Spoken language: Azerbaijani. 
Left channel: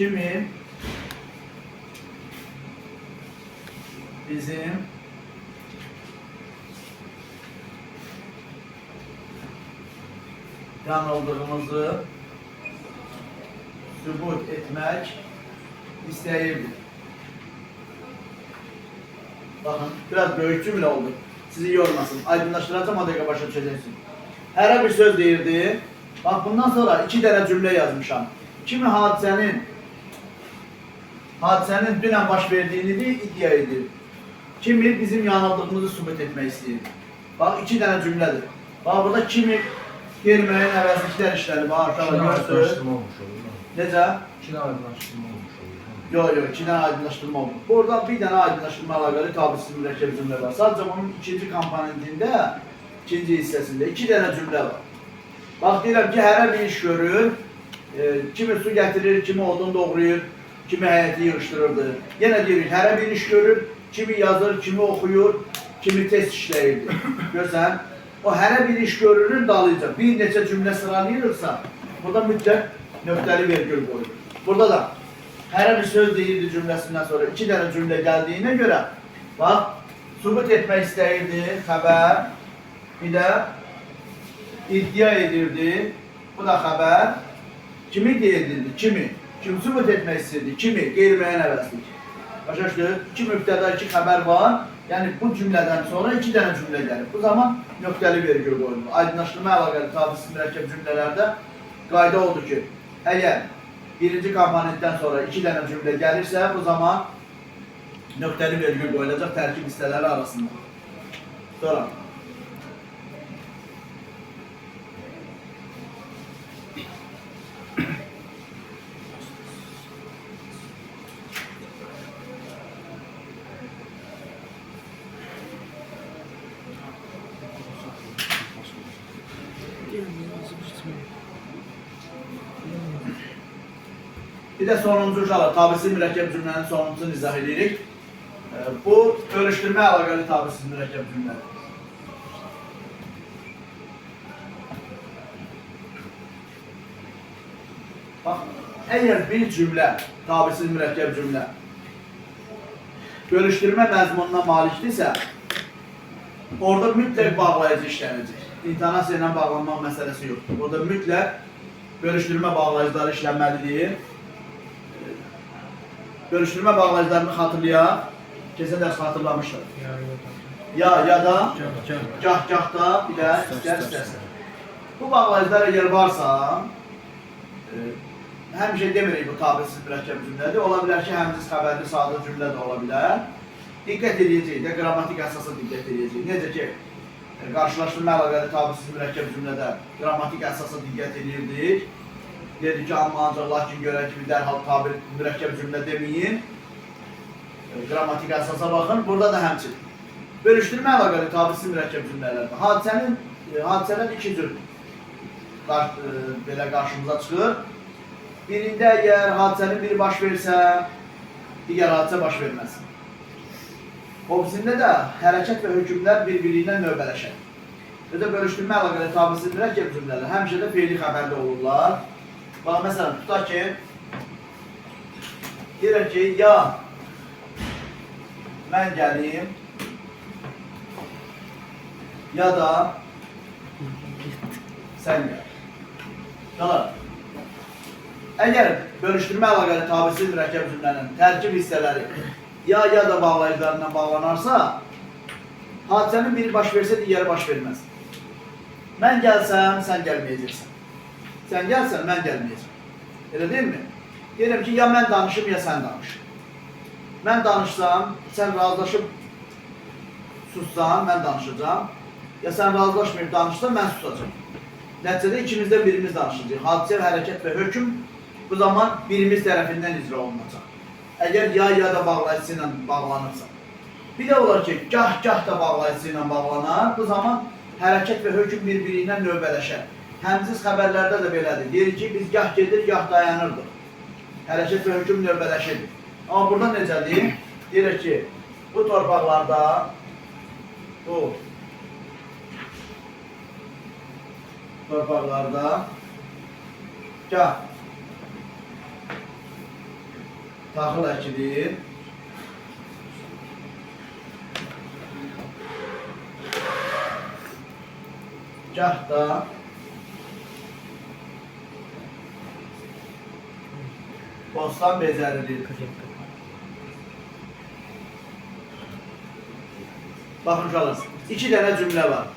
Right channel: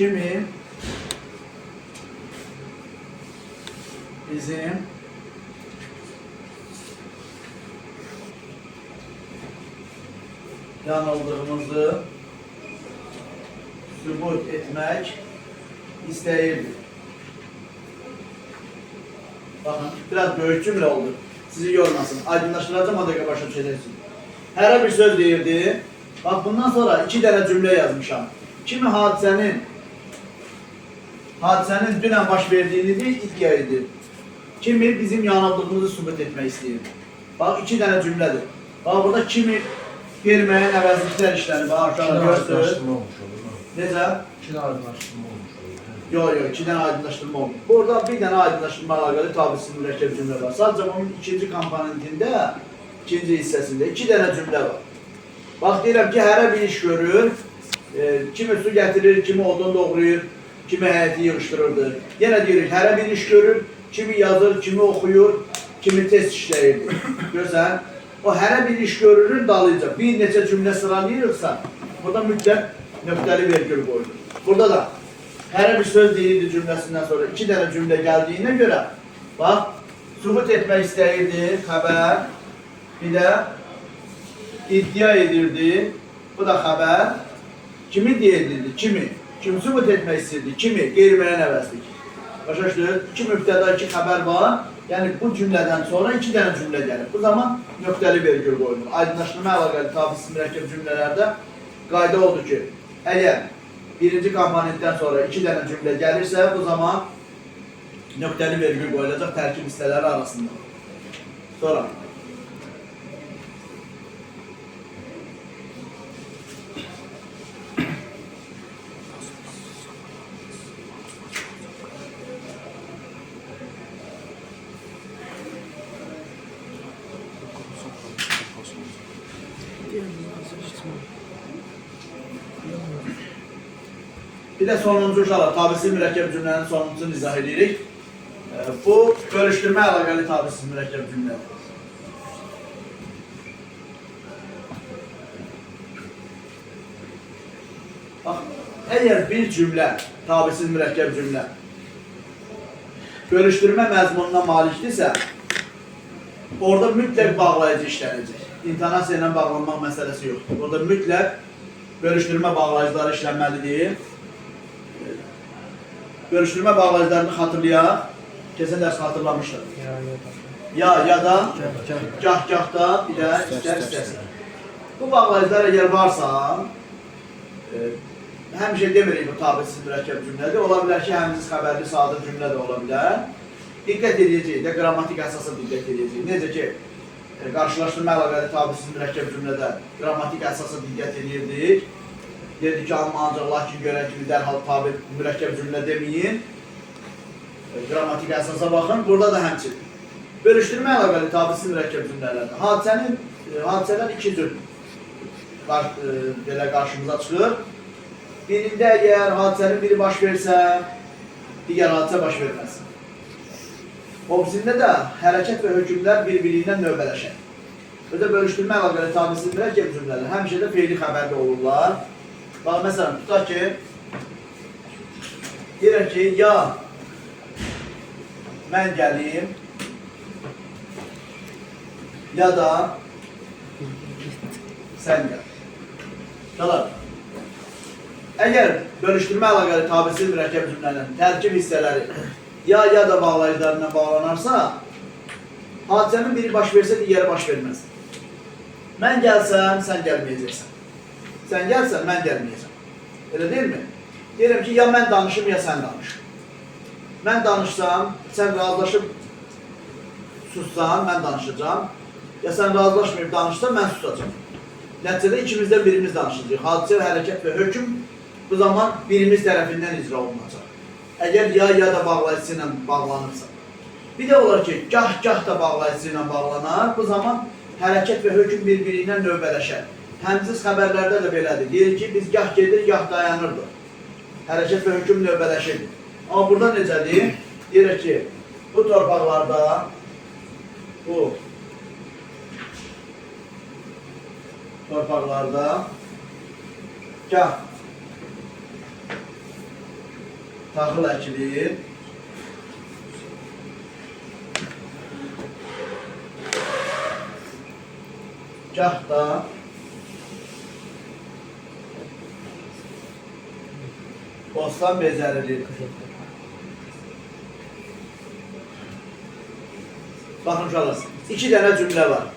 kimi bizim yanıldığımızı sübut etmek istəyirdi. Bakın, biraz böyük cümle oldu. Sizi yormasın. Aydınlaştıracağım, o dakika başa düşəcəksiniz. Hərə bir söz deyirdi. Bak, bundan sonra 2 dənə cümle yazmışam. Kimi hadisənin dünən baş verdiğini de iddia edir. Kimi bizim yanıldığımızı sübut etmək istəyir. Bak, 2 dənə cümlədir. Bak, burada kimi verməyin əvəzliklər işləri. Bak, aşağıda görsünüz. Necə? 2 dənə aydınlaşdırma olmuş olur. Yok, 2 dənə aydınlaşdırma oldu. Burada bir dənə aydınlaşdırma əlaqəli tabisiz mürəkkəb cümlə var. Sadəcə onun ikinci komponentində, ikinci hissəsində 2 dənə cümlə var. Bax, deyirəm ki, hərə bir iş görür. Kimi su gətirir, kimi odun doğrayır, kimi həyəti yığışdırırdı. Yenə deyirik, hərə bir iş görür, kimi yazır, kimi oxuyur, kimi test işləyirdi. Görsən, o hərə bir iş görürün dalıyca bir neçə cümlə sıralayırıqsa, burada mütləq nöqtəli vergül qoyulur. Burada da hərə bir söz deyirdi cümləsindən sonra 2 dənə cümlə gəldiyinə görə, bax, sübut etmək istəyirdi, xəbər, bir də iddia edirdi, bu da xəbər, kimi deyildi, kimi sübut etmək istəyirdi, kimi, qeyri-müəyyən əvəzlik. Başa düşdünüz? 2 mübtəda, 2 xəbər var, yəni bu cümlədən sonra 2 dənə cümlə gəlir. Bu zaman nöqtəli vergül qoyulur. Aydınlaşdırma əlaqəli tabisiz mürəkkəb cümlələrdə qayda oldu ki, əgər birinci komponentdən sonra 2 dənə cümlə gəlirsə, bu zaman nöqtəli vergül qoyulacaq tərkib hissələri arasında. Sonra. Bir de sonuncu uşaqlar, tabisiz mürəkkəb cümlənin sonuncusunu izah edirik. Bu, bölüşdürmə əlaqəli tabisiz mürəkkəb cümlədir. Bax, əgər bir cümlə, tabisiz mürəkkəb cümlə, bölüşdürmə məzmununa malikdirsə, orada mütləq bağlayıcı işlənəcək. İntonasiya ilə bağlanmaq məsələsi yoxdur. Orada mütləq bölüşdürmə bağlayıcıları işlənməlidir. Bölüşdürmə bağlayıcılarını xatırlayaq. Keçən dərs xatırlamışdır. Ya da, gah-gahda, bir də istər-istərsən. Bu bağlayıcılar əgər varsa, həmişə demirik bu tabisiz mürəkkəb cümlədir. Ola bilər ki, həmsiz xəbərli sadə cümlə də ola bilər. Diqqət edəcəyik də, qrammatik əsasa diqqət edəcəyik. Necə ki, qarşılaşdırma əlaqəli tabisiz mürəkkəb cümlədə qrammatik əsasa diqqət edirdik. Dedik ki, amma ancaq lakin görən kimi dərhal tabi mürəkkəb cümlə deməyin. Qrammatik əsasa baxın. Burada da həmçin. Bölüşdürmə əlaqəli tabisiz mürəkkəb cümlələrdə. Hadisələr 2 cür belə qarşımıza çıxır. Birində əgər hadisənin biri baş versə, digər hadisə baş verməz. Obisində də hərəkət və hökmlər bir-birindən növbələşər. Və də bölüşdürmə əlaqəli tabisiz mürəkkəb cümlələr həmişə də feili xəbərli olurlar. Bax, məsələn, tutaq ki, deyirəm ki, ya mən gəlim, ya da sən gəl. Qalar. Əgər bölüşdürmə əlaqəli tabisiz mürəkkəb cümlənin tərkib hissələri ya da bağlayıcılarından bağlanarsa, hadisənin biri baş versə, digəri baş verməz. Mən gəlsəm, sən gəlməyəcəksən. Sən gəlsən, mən gəlməyəcəm. Elə deyilmi? Deyirəm ki, ya mən danışım, ya sən danış. Mən danışsam, sən razılaşıb sussan, mən danışacağam. Ya sən razılaşmayıb danışsan, mən susacağam. Nəticədə ikimizdən birimiz danışacaq. Hadisə, hərəkət və hökm bu zaman birimiz tərəfindən icra olunacaq. Əgər ya da bağlayıcısı ilə bağlanırsa. Bir də olar ki, gah da bağlayıcısı ilə bağlanar. Bu zaman hərəkət və hökm bir-biriyle növbələşər. Həmsiz xəbərlərdə də belədir. Deyir ki, biz gah gedir, gah dayanırdıq. Hərəkət və hökm növbələşirdir. Amma burada necədir? Deyir ki, bu torpaqlarda gah taxıl əkilir. Gah da bostan bezərilir. Baxın uşaqlar, 2 dənə cümlə var.